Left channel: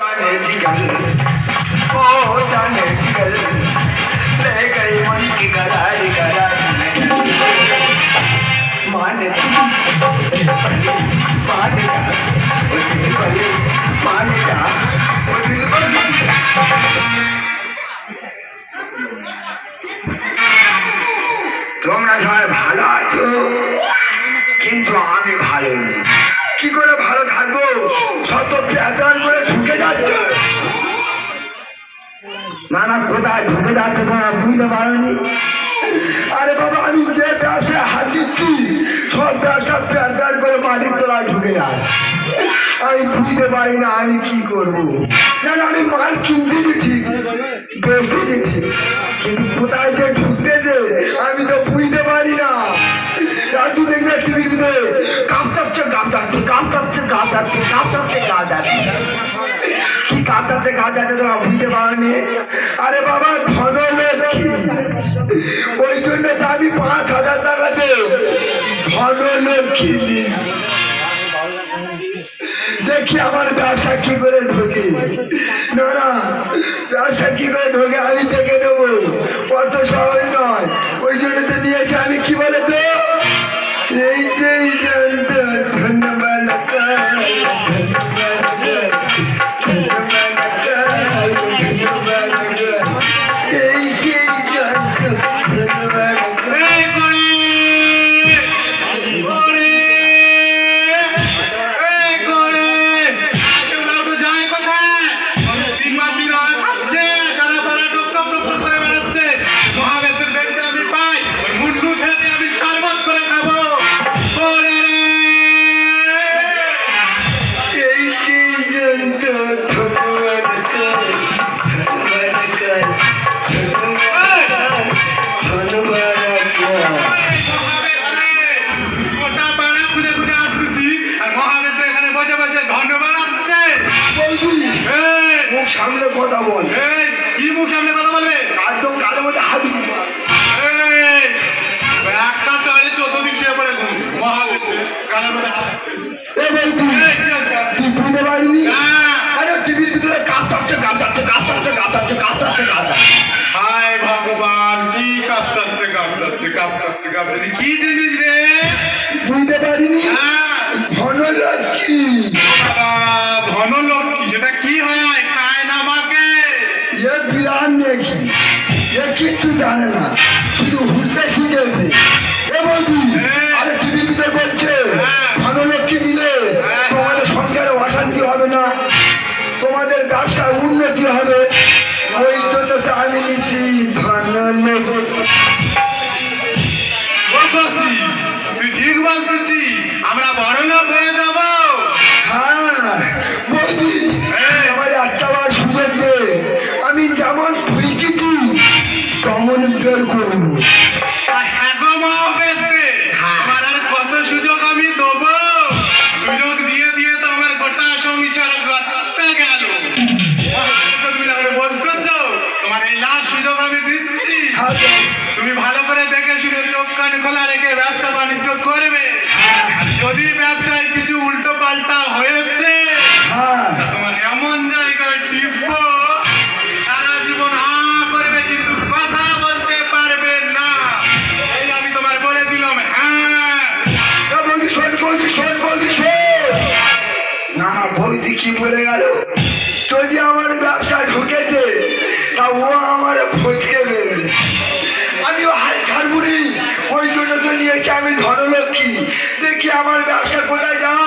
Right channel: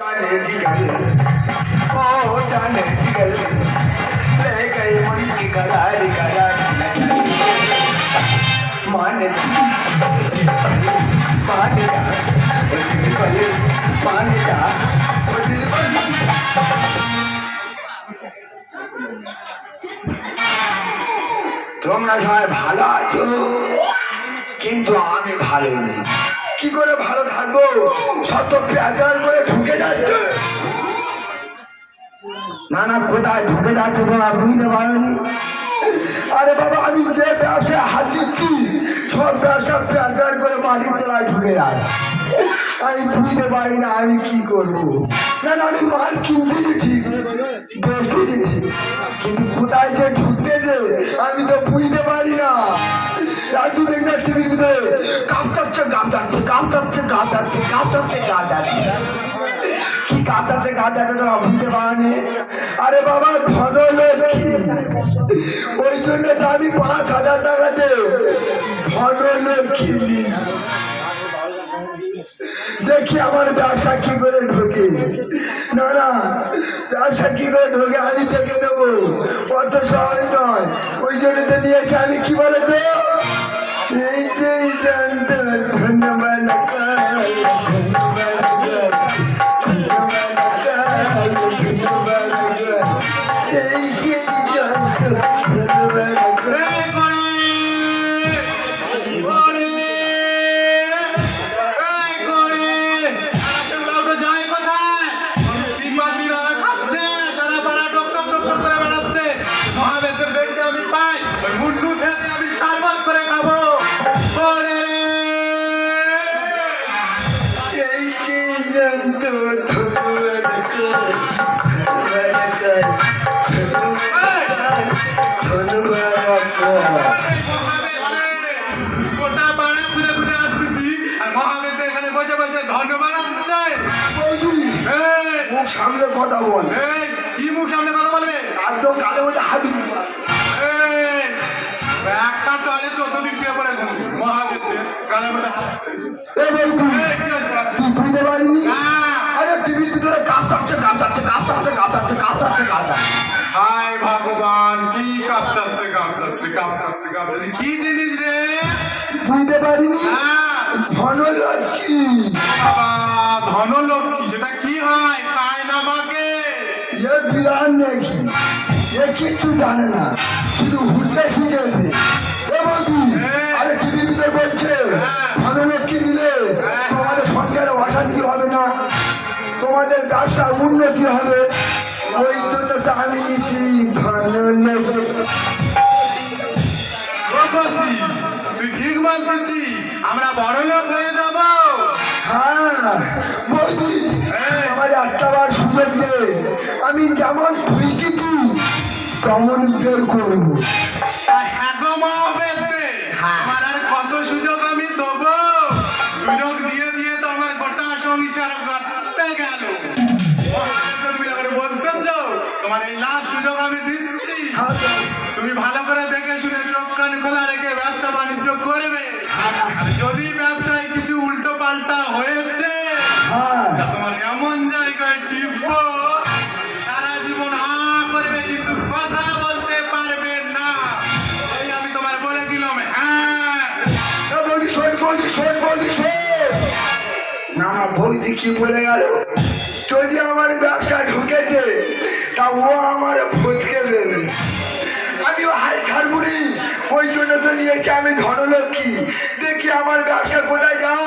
जाने जिगल ओ जाने जिगल ले गई मन की करारी करारी माने माने माने जा তোমরা সবাই ভালো আছো কিন্তু আমি ভালো নেই কি করে ভালো থাকবো সব তো প্যাটার্ন করে ঢুকে যাচ্ছে নানা কোথায় ঢুকে যাচ্ছে তোমরা বুঝতে পারোনি আরে বাবা আমি যে ব্যবসায় হাত দিচ্ছি সব ব্যবসা প্যাটার্ন করে মাটির তলায় ঢুকে যায় আমি বুঝতে পারি না আমি কি করবো না আমি মাল কিনতেছি ঠিক বেচতেছি ঠিক কিন্তু কোথায় যে ঢুকতেছে আমি তো বুঝতে পারি না তুই দেখলে টিভির ভিতরে কাঁপতাচ্ছে কি কাঁপতাচ্ছে তোরা বুঝতে পারনি আরে বাবা ধনলক্ষ্মী ওই জন্য আমি 5,000 টাকা দে ধনলক্ষ্মী দেখি আমার ব্যবসা কি করে ঢোকে না ব্যবসা কি করে ঢোকে আমি দেখে দেবো অত সবাই নয় ওই জন্য তো নিয়েছি আমি কি বলে তো এই সেই জানতো ধন্যবাদ এই সেই জানতো ধন্যবাদ সামনে কথা বল কি মুখ সামনে কথা বলবে একদম গালের মধ্যে হাত দিবি একটা চলে 14 দিন শুয়ে পড়ে গালের মধ্যে তুই বুঝতে পারিনি আরে টিভির ভিতরে কাঁপতাচ্ছে হায় ভগবান কি কাঁপতাচ্ছে কি জিনিস রে বুঝতে পারিনি ধনলক্ষ্মী সেটা কি হয় খায় না আমাকে এ বিরান নাকি এ কিচ্ছু জানে না শুধু হুলতে শিখেছে এ বৌদি আরে টিভির ভিতরে বলছে ধনলক্ষ্মী দিলে তোমাদের সংসারে অশান্তি হবে না তোমাদের ব্যবসায় উন্নতি হবে ওই জন্য তো আমি নিচ্ছি ধনলক্ষ্মী তুই ঠিক বলছিস আমরা বড় লোক হয়ে যাব হ্যাঁ বৌদি আমার একটা বার সুযোগ দে আমি যেমন বুঝেছি তেমন বের করবো আমার আর কত সুযোগ আমি দেবো সুযোগ দিয়ে তো আমার গোটা সংসার করতে গেল তুমি বলতেছ তোমার এই লাস্ট সুযোগ আমি দিচ্ছি তুমি ভালো করে দেখে শুনে চোখ কান খোলা রেখে ব্যবসা বাণিজ্য করবে যদি ব্যবসায় কিছু উল্টো পাল্টা হয়েছে তোমার এমন জায়গায় টিপবো সারা জীবন করবে কিন্তু কথা বলতে পারবে না এই আমি তোমার বলে দিলাম না বৌদি কি বলে গেল যদি আমার ব্যবসা ঢুকেছে তা ও আমার ফচকে দেবে আমিও হাল ছাড়বুনি ওই জন্য তো নিয়েছি আমি ধনলক্ষ্মী দেখি আমার ব্যবসা কোথায় যায়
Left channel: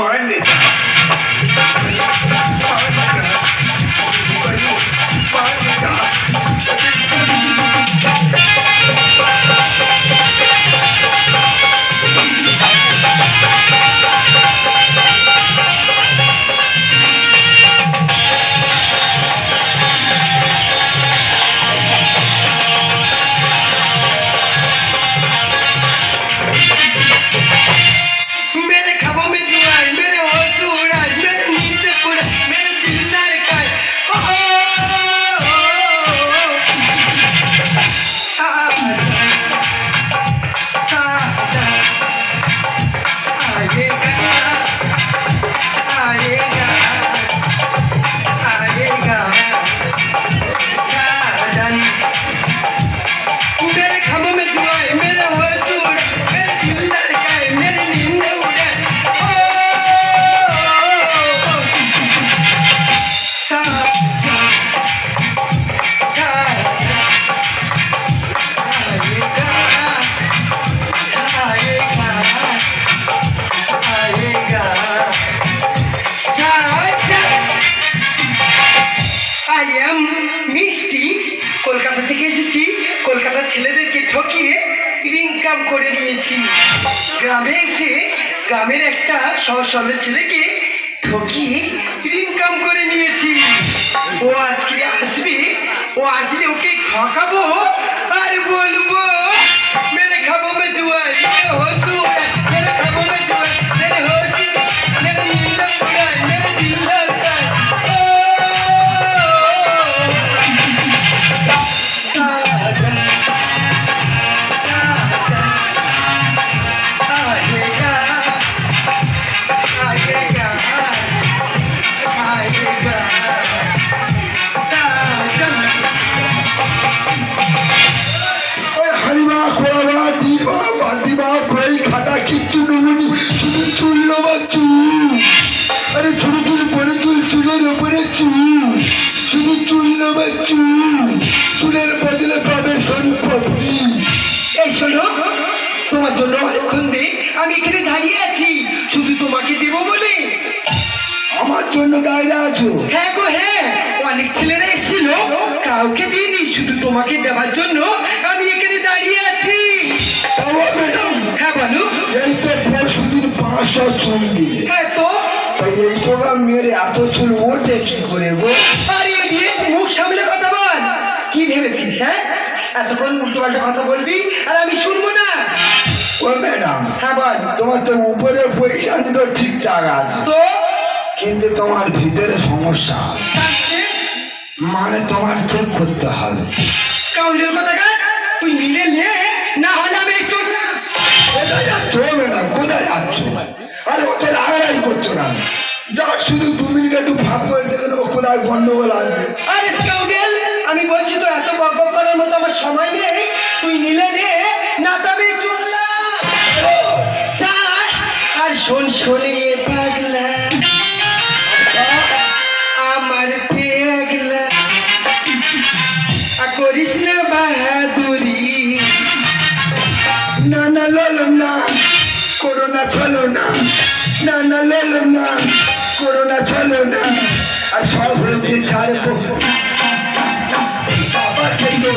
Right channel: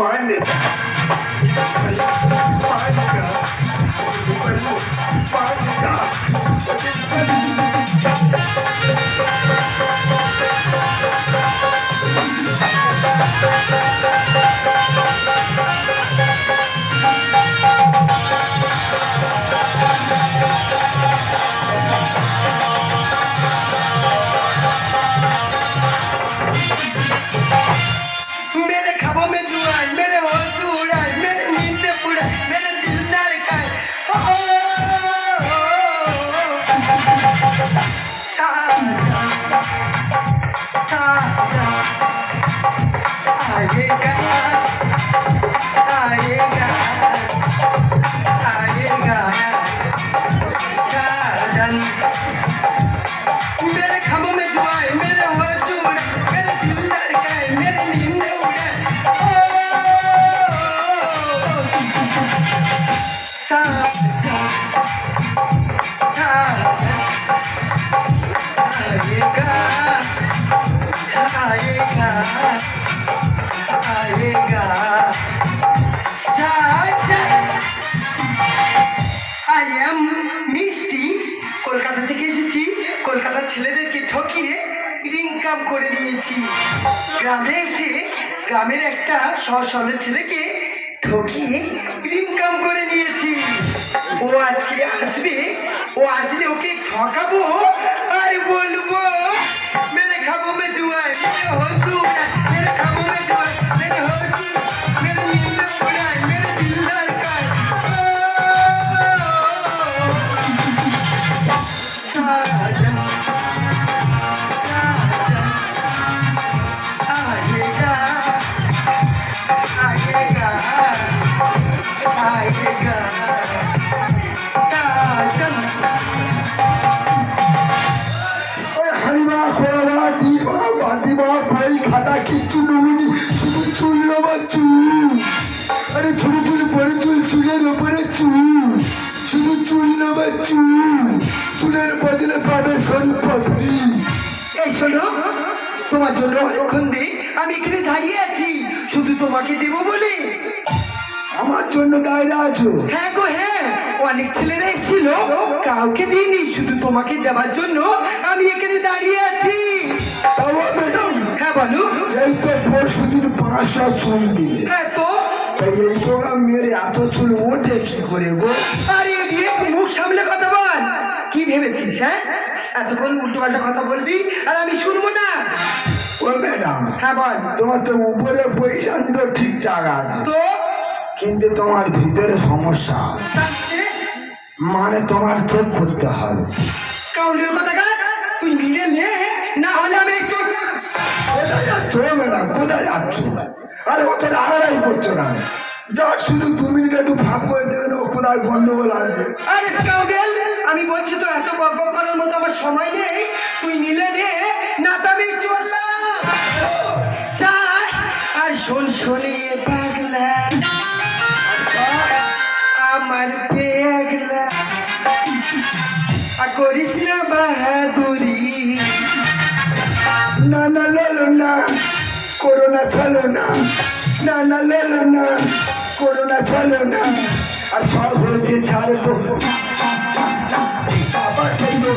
মানে ছেলেদেরকে ঠকিয়ে ইনকাম করে নিয়েছি। গ্রামে এসে গ্রামের একটা সহজ সরল ছেলেকে ঠকিয়ে ইনকাম করে নিয়েছি। ও আজকে আসবে, ও আসলে ওকে ঠকাবো আর বলবো মেরে খাবো মে জুয়ার মেরে হসু মেরে খাবো মে জুয়ার মেরে হসু মেরে দিল উড়ায় মেরে দিল উড়ায়। হারিমা খোলাবা দিবা বাদিবা ভাই খাতা কিচ্ছু নেবনি, শুধু চুল নেবা চুল। আরে ছোট চুল বড় চুল, চুলের উপরে চুল, শুধু চুল নেবা চুল। চুলের বদলে পাবে সনপপি। এই শোনো, তোমার জন্য অনেকক্ষণ দিয়ে আমি এখানে দাঁড়িয়ে আছি, শুধু তোমাকে দেব বলে। আমার জন্য দাঁড়িয়ে আছো? হ্যাঁ গো হ্যাঁ, অনেক ছেলেরা এসেছিল, কাউকে দিইনি, শুধু তোমাকে দেওয়ার জন্য আমি এখানে দাঁড়িয়ে আছি। ম্যাডাম, হ্যাঁ বলো। এই তো পরশুদিন 500 চুল দিলে, হ্যাঁ তো তাই এই প্রোগ্রাম মেরে এত চুল ওঠে কি করে গো? আরে দিয়ে মুখ সামলে কথা বল। কি ভেবেছিস হ্যাঁ, এতক্ষণ উল্টো পাল্টা কথা বলবি আর আমি শুনবো না? ও ম্যাডাম, হ্যাঁ বল। তোমার তো উপরের পজিশন তো ঠিকঠাক আছে, তো কিন্তু তোমার ভিতরে সমস্যা, মানে তোমার চেক করতে হবে। কাউলের কথা তুই নিলে নে, না হলে আমি একটু কোথায় যাচ্ছ ম্যাডাম, কোথায় যাচ্ছ? আরে অত রাগারাগি করছো না, যার শুধু 2 মিনিট একটু ভাগ করে দিলেন ও কোথায় গন্ডগোল আছে। আরে কাউডেল, আমি বলছি তো এত বকবক করার মতো আমার সময় নেই, তুই নিলে নে, না তো আমি চললাম। যা, আর শোন শোনিয়ে পাগলা আমার পেগলা, আর করিস না বাহাদুরি। না না ললো না, করোনা চলো না, না না ললো না, করোনা চলো না। আর সব হয়ে ছাড়বো আবার কিন্তু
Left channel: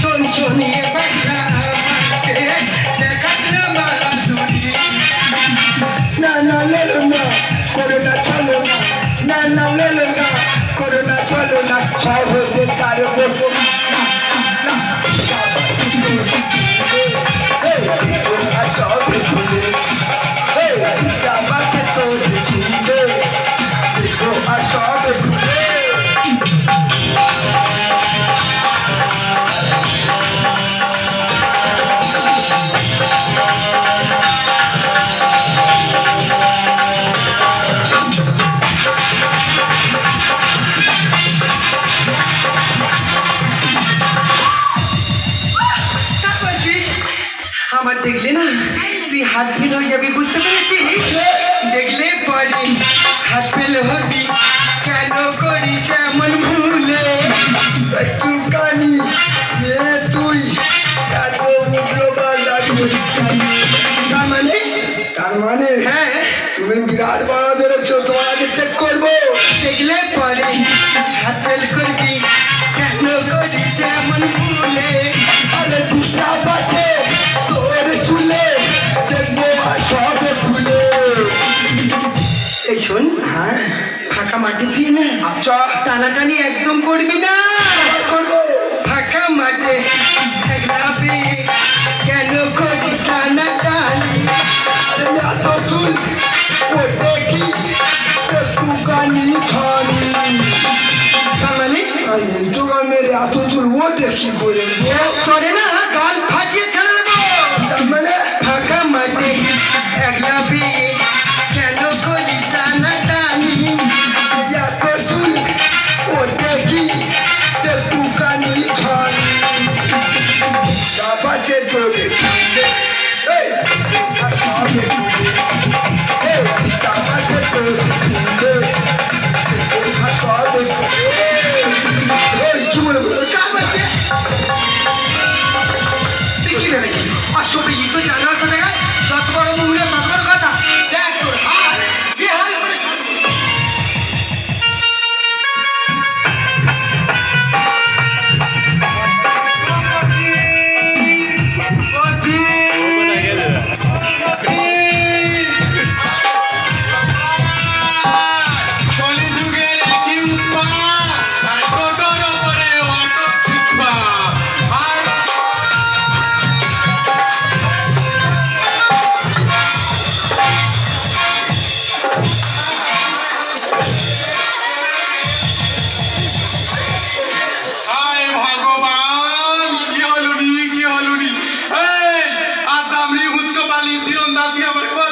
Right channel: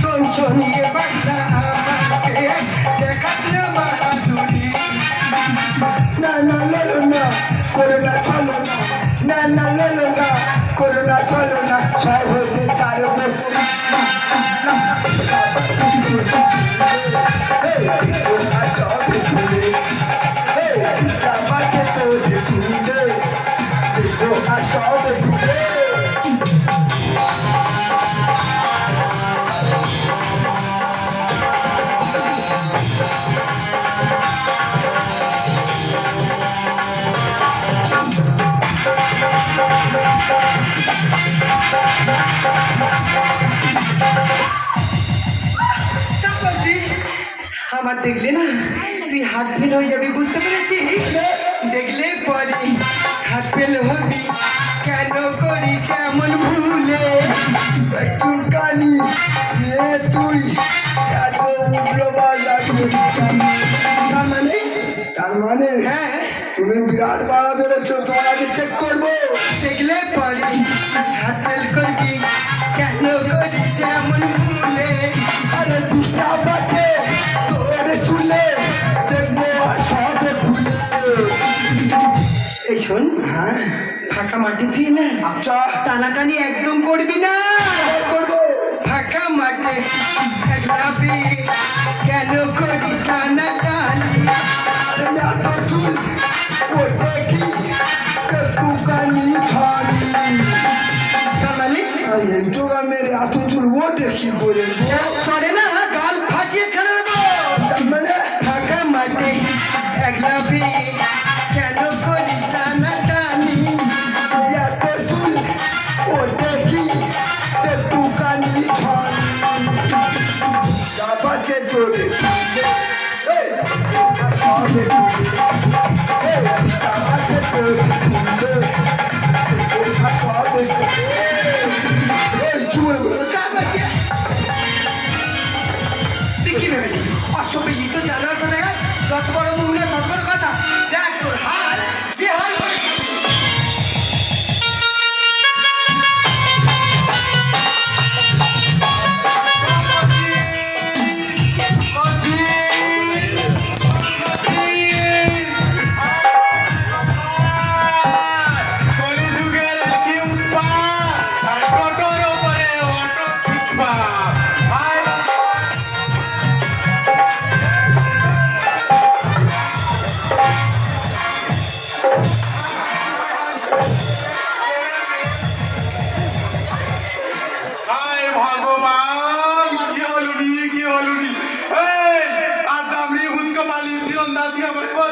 শোন শোনিয়ে পাগলা আমার পেগ, দেখাস না বাহাদুরি। না না ললো না, করোনা চলো না, না না ললো না, করোনা চলো না। সব হতে ছাড়বো আমার দেখলে না তুই হাত ফেল হয়ে যাবি, বুঝতে পেরেছিস? দেখলে পরে হাত ফেল হবি, কেন করিস এমন ভুলে? একটু কানি তুই এত উগ্রবাদ মানে তার মানে হ্যাঁ, তুমি বিরাট বড় বেরোচ্ছ, তোমার আগে চেক করবো। দেখলে পরে হাত ফেল করবি, কেন করিস এমন ভুলে? আরে ডিস্টার্ব আছে তোর চুলে, দেখবো আর সব খুলে। এই শোন, হ্যাঁ ফাঁকা মাঠে দিয়ে না আচ্ছা টানাটানি একদম করবি না। আবার করবো। ফাঁকা মাঠে একলাপি, কেন করিস টানাটানি? আরে এত চুল ওঠে কি একটু কানি ছানি। মানে এই জোগান মেরে এত চুল ওঠে কি করে গো? চলে না, গাল ফাটিয়ে ছেড়ে দেবো। তার মানে ফাঁকা মাঠে একলাপি, কেন করিস টানাটানি? এত চুল ওঠে কি একটু কানি ছানি। চাপাচ্ছে তোরে এই আর সবে এই চাপাচ্ছে তোরে আর সবে এই কি বলে বলে চাপাচ্ছে। তুই কি ভেবেছিস? আসলে ই তো জানার কথা, যত বড় মহিলা তত বড় কথা।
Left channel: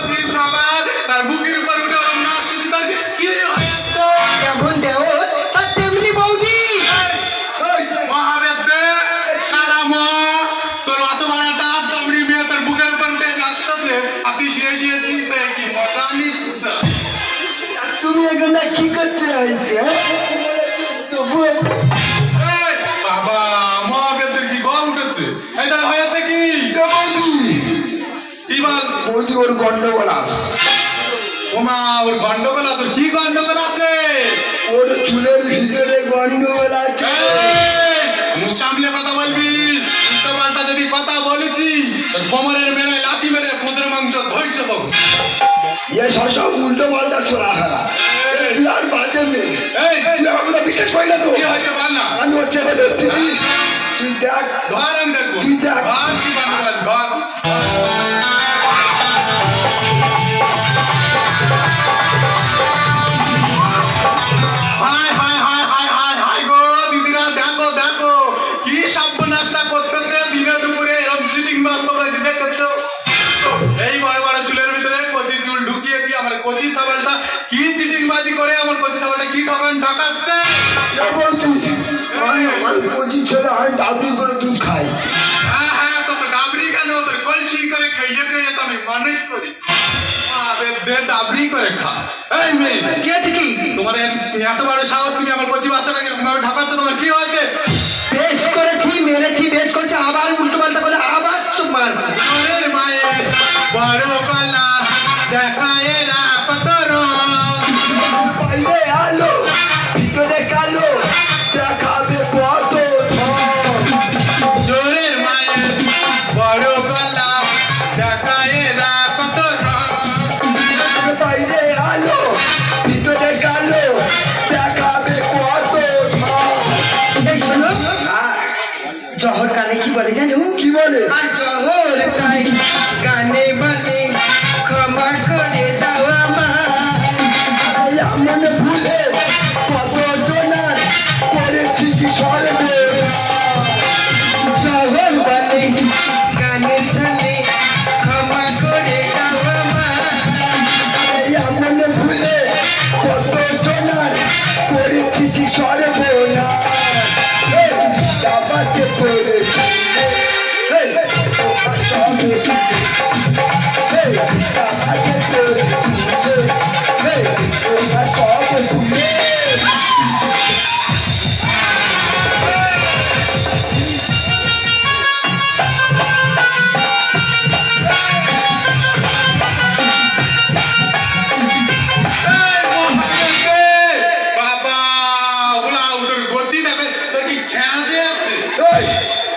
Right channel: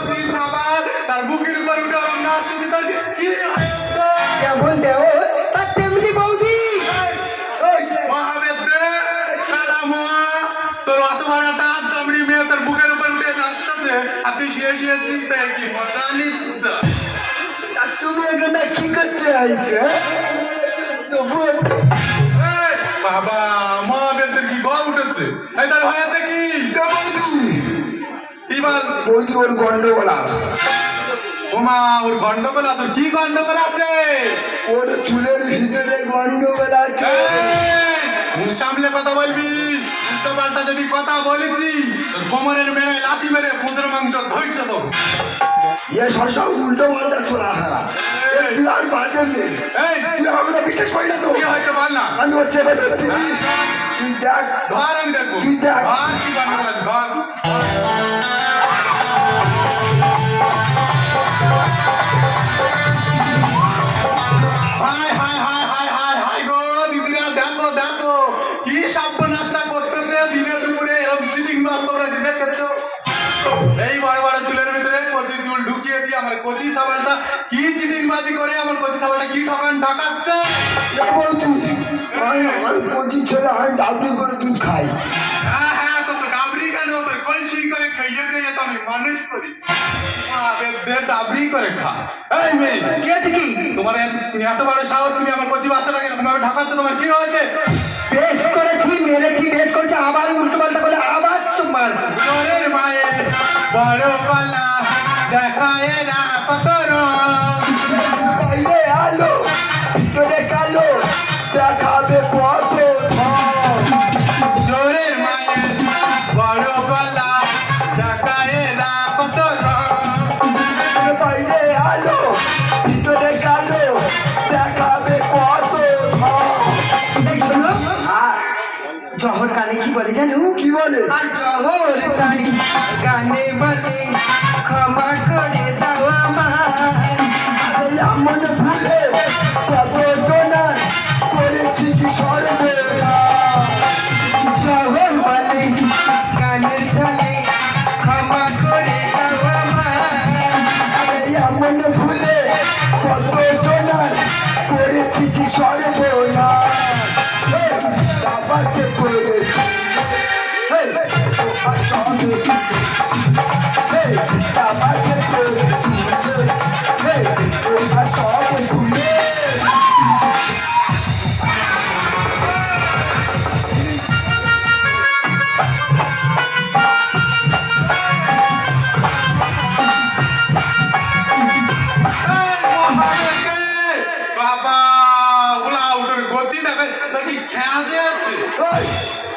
কচি ছাবার তার বুকের উপর উঠে আমার নাচ দিতে থাকে কি হয়েছে যেমন দেওর তার তেমনি বৌদি। মহাবেদ্রে শালা মা তোর অত বড় টাপ দামড়ি মেয়ে তোর বুকের উপর উঠে নাচতেছে আর তুই শুয়ে শুয়ে চিন্তা কি মজা নিচ্ছ তুমি এখানে কি করতে আইছে এই, বাবা মহাবেদ্রের কি গল উঠেছে এটা হয়েছে কি কি বল বৌদি ওর গন্ডগোল আছে ওমা ওর গন্ডগোল আছে তোর কি গন্ডগোল আছে ওর চুলের ভিতরে গন্ডগোল আছে মুখ সামলে কথা বলবি উল্টো পাল্টা যদি কথা বলেছি তোর কোমরের মেলায় লাথি মেরে পুজোর মাংস ধৈর্য দেবো এ সব উল্টো পাল্টা চলা ফেলা বিরাট বাজে মেয়ে এই তুই আমাকে বিশ্বাস করি না তো কি হয়েছে বল না আমি হচ্ছে বলে তুই দেখ ধর আমি দেখবো তুই দেখ। ধর কি গন্ডগোল আছে ধর হায় হায় হায় হায় হায় হায় গো দিদিরা দেখো দেখো কি সর্বনাশটা করতেছে দিনে দুপুরে এরকম চিটিং মার তোমরা কি দেখেছো এই বড় বড় চুলের ভিতরে কচি চুল ঢুকিয়ে দিয়ে আমার কচি ছাগলটা কি চিটিং বাজি করে আমার কচি ছাগলটা কি ঠকান ঢাকাচ্ছে এ বৌদি আমার কচি ছেলে আমি ডাবলি করে দুধ খাই হ্যাঁ হ্যাঁ তোকে ডাবরি কেন তোর কলসি করে খাইয়ে খাইয়ে তো আমি মানুষ করি ডাবরি করে খা এই মেয়ে কি আছে কি? তোমার এত বড় সাহস তুমি আমার কচি বাচ্চাটাকে এরকম ভাবে ঢাকাচ্ছ তোমার কি হয়েছে বেশ করেছি, মেরেছি, বেশ করেছি, আবার উল্টো পাল্টা করে আবার চুমার। ওরে মায়ের বড় গলা দেখায় না কত রং বাইরে আলো ভিতরে কালো দেখাবে কত জোরের মায়ের বড় গলা দেখায় না কত রং বাইরে আলো ভিতরে কালো দেখাবে কত এই শোনো, জহর গানে কি বলে জানো? কি বলে আর জহর তাই গানে বলে ক্ষমা করে দাও আমায়। এমন ভুলে কত জনার করেছি কি সর্বনা জহর বলে গানের ছলে ক্ষমা করে দাও আমায়। এমন ভুলে কত জনার করেছি কি সর্বনা বাবাকে করে বাবাকে করে ঘুরে এই মহাদেবে বাবা উলা উঠের গতি দেখা তোর কি খেয়াজে আছে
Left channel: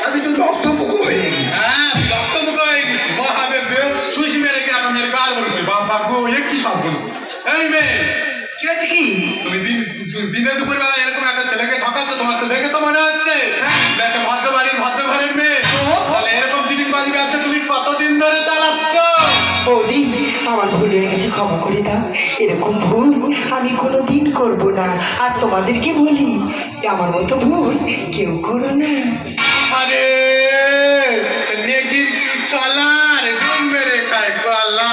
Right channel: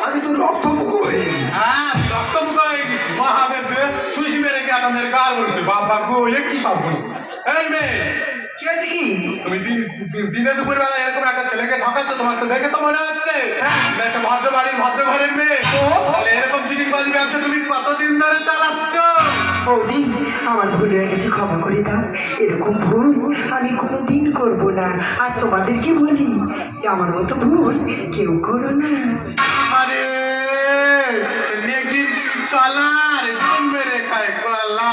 আমি তো রক্তমুখ হয়ে গেছি হ্যাঁ রক্তমুখ হয়ে গেছি মহাদেবে সুশি মেরে গিয়ে আপনার গাল বলছে বাবা গো এ কি সব বলবো এই মেয়ে কি আছে কি? তুমি দিনে দুপুর বেলা এরকম একটা ছেলেকে ঠকাচ্ছ তোমার তো দেখে তো মনে হচ্ছে তুমি একটা ভদ্র বাড়ির ভদ্র ঘরের মেয়ে তাহলে এরকম চিটিংবাজি ব্যবসা তুমি কতদিন ধরে চালাচ্ছ বৌদি, আমার ভুল হয়ে গেছে, ক্ষমা করে দাও। এরকম ভুল আমি কোনোদিন করব না। আর তোমাদেরকে বলি, আমার মতো ভুল কেউ করো না। আরে নেকির চলার ডুম মেরে খায় গলা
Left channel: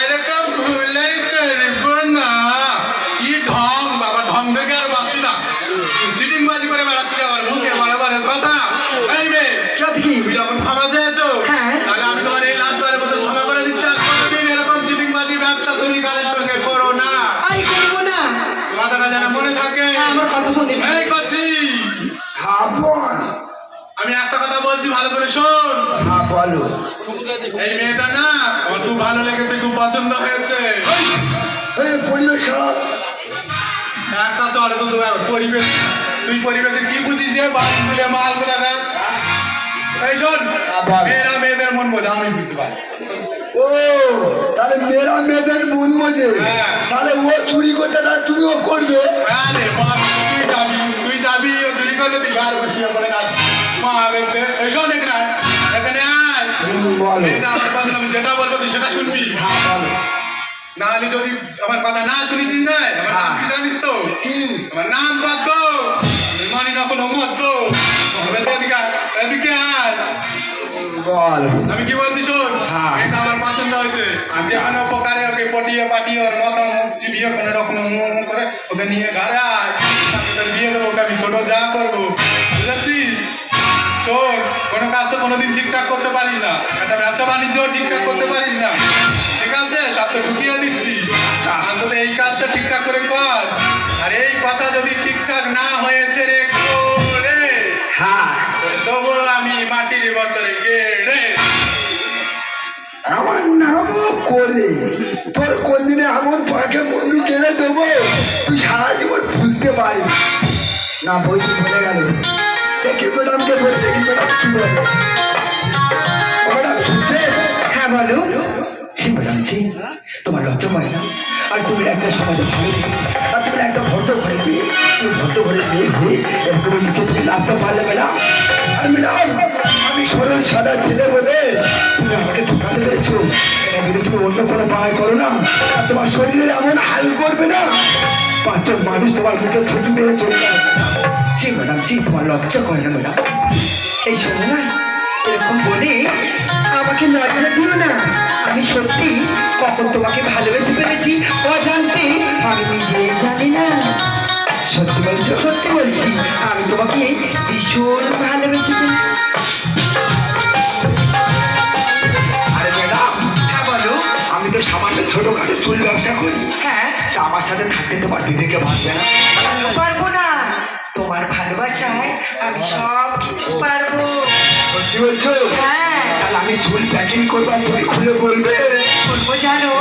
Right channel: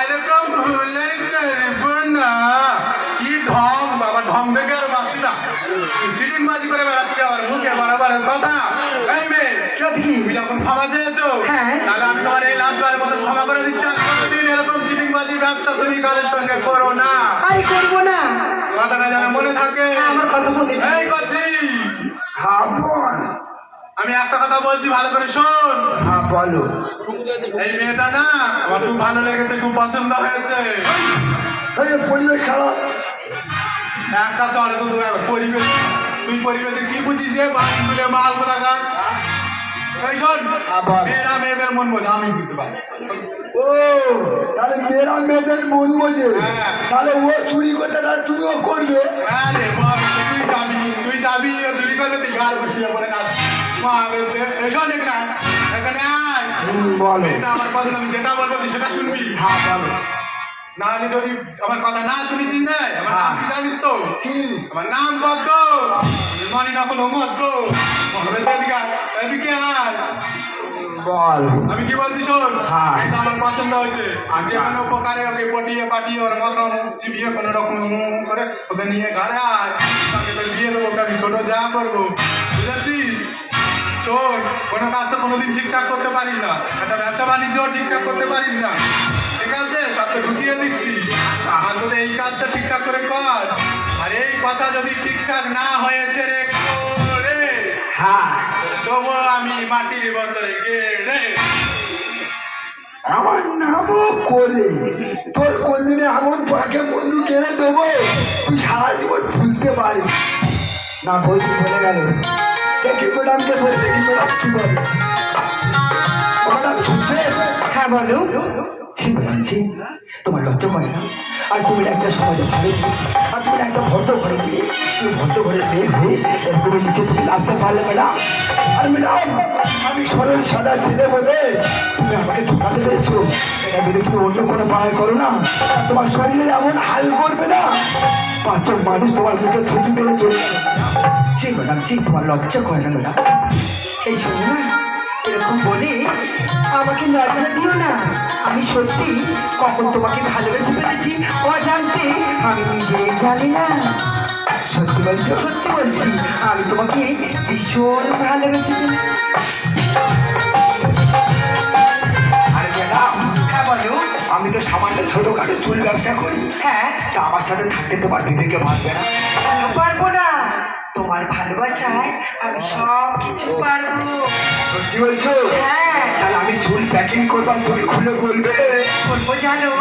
এরকম ভুলে করব না কি ঢং বাবা ঢং দেখে আর বাসি না চিটিংবাজি করে বেড়াচ্ছে আমার মুখে বরাবর কথা এই মেয়ে কি আছে কি? তুমি যখন ক্ষমা চেয়েছো হ্যাঁ। তাহলে আমি তোমার এই লাস্টবারের মতো ক্ষমা করে দিচ্ছি আর কোনোদিন এরকম চিটিংবাজি ব্যবসা তুমি কারোর সঙ্গে করো না আমি করবো না। কথাটা যেন মনে থাকে আমার কথা মনে থাকে। এই করছি হ্যাঁ বল আমি একটা কথা বলছি ভালো করে শোন হ্যাঁ বলো এই মেয়েটা না আমার খুব ভালো লেগেছে খুব পছন্দ হয়েছে এই যে পরিবেশ খারাপ একটা চলে তো তোমার পরিবেশ তুই পরিবেশে কি বুঝিস যে তুলে মাল কোথাকার এই শোন বল। মেয়েরা মেয়েদের মন বোঝা আমি বুঝতে পারি ও তাহলে মেয়েরা মেয়েদের মন বোঝে হ্যাঁ। তাহলে ও চুরি করতে তাহলে তুমিও করবে হ্যাঁ রে মা তুই যাবি ও চুরি করলে তুই ঘর বসিয়ে পড়ে না মা দেখতে এই শোন এখানে আয় বলো এটা আমার কথা না, আমি যেটা বলবো তুই সেটা শুনবি হ্যাঁ বলো না হলে যদি আমার কথা না শুনেছিস না আমার নাম কি জানিস তো কি আমার নাম পদ্ম মানি না কোনো মদ্য এদিকে এদিকে আয় বল। আমি কি বলছি শোন, হ্যাঁ। এটা আমার পছন্দ হয়েছে। যে কোনো প্রকারে ওকে পটিয়ে পাটিয়ে ওর মাথা মুখ চিবিয়ে কোনো রকম করে ওকে নিয়ে ঘরে আয়, তাকে তো বিয়ে দেবো, ওকে আমি ছোট যা করবো, বুঝেছিস? শোন, কোনো কাজ তো কোনোদিন ঠিকঠাক করতে পারিস না, একটা ব্যবসা বাণিজ্যও ঠিকঠাক করতে পারিস না, ঠিক আছে? সব তো ঢুকিয়ে দিচ্ছি, অন্তত এই কাজটা ঠিকঠাক করে কর। আর এই কথা যদি ঠিকঠাক না হয়েছে রে রে, হ্যাঁ, তবু আমি মাটির বদলে রে। আমার নামও করে তোর কোনদিনে এমন পাকে বন্ধু কেড়ে দেবো তুই সারা জীবন ভুলতে পারিস না। বইটি বলে গেল দেখি ম্যাডামকে বলছে কি ম্যাডাম কি বলে ম্যাডাম শুনছে? হ্যাঁ বলো। ছি ম্যাডাম ছি, তোমার লজ্জা হয় না? আর তুমি একটা সমাজে ভালো আর তুমি একটা ভদ্র ঘরে বিয়ে, তুমি ভদ্র ঘরে বিয়ে হয়ে তুমি নিচে থেকে নামতে পারলে ম্যাডাম? আর ম্যাডাম আমি সরল সাদা ছেলে বলে তুমি আমাকে ঢোকাতে পেরেছো, এটা যদি তুমি অন্য কোনো পাড়ায় করো না তোমার শরীরে এমন হাল করবে না, পাঁচজন মানুষ তোমার মুখে থুতু মেরে চলে যাবে। ছি ম্যাডাম ছি, তোমার লজ্জা করে না ম্যাডাম? এই শোনো না, এরকম বলে আমাকে লজ্জা দিও না। আমি সত্যি কখন তোমাকে ভালোবেসে ফেলেছি অজান্তে আমি নিজেই জানি না। সত্যি বলছো? সত্যি বলছি, আমি তোমাকে ভীষণ ভালোবেসে ফেলেছি। আরে ম্যাডাম, হ্যাঁ বলো। আমি তো সামান্য ছোটখাটো চুল ব্যবসা করি, হ্যাঁ, তা আমার সাথে থাকতে তোমার বিবেকে বাঁচবে না? কেন পারবো না? তোমার ভালোবাসায় আমি সব কিছু পারবো। সত্যি বলছো? হ্যাঁ, তাহলে আমি চুল প্যাকিং করবার তুমি খুলে বলবে? বলবো জানো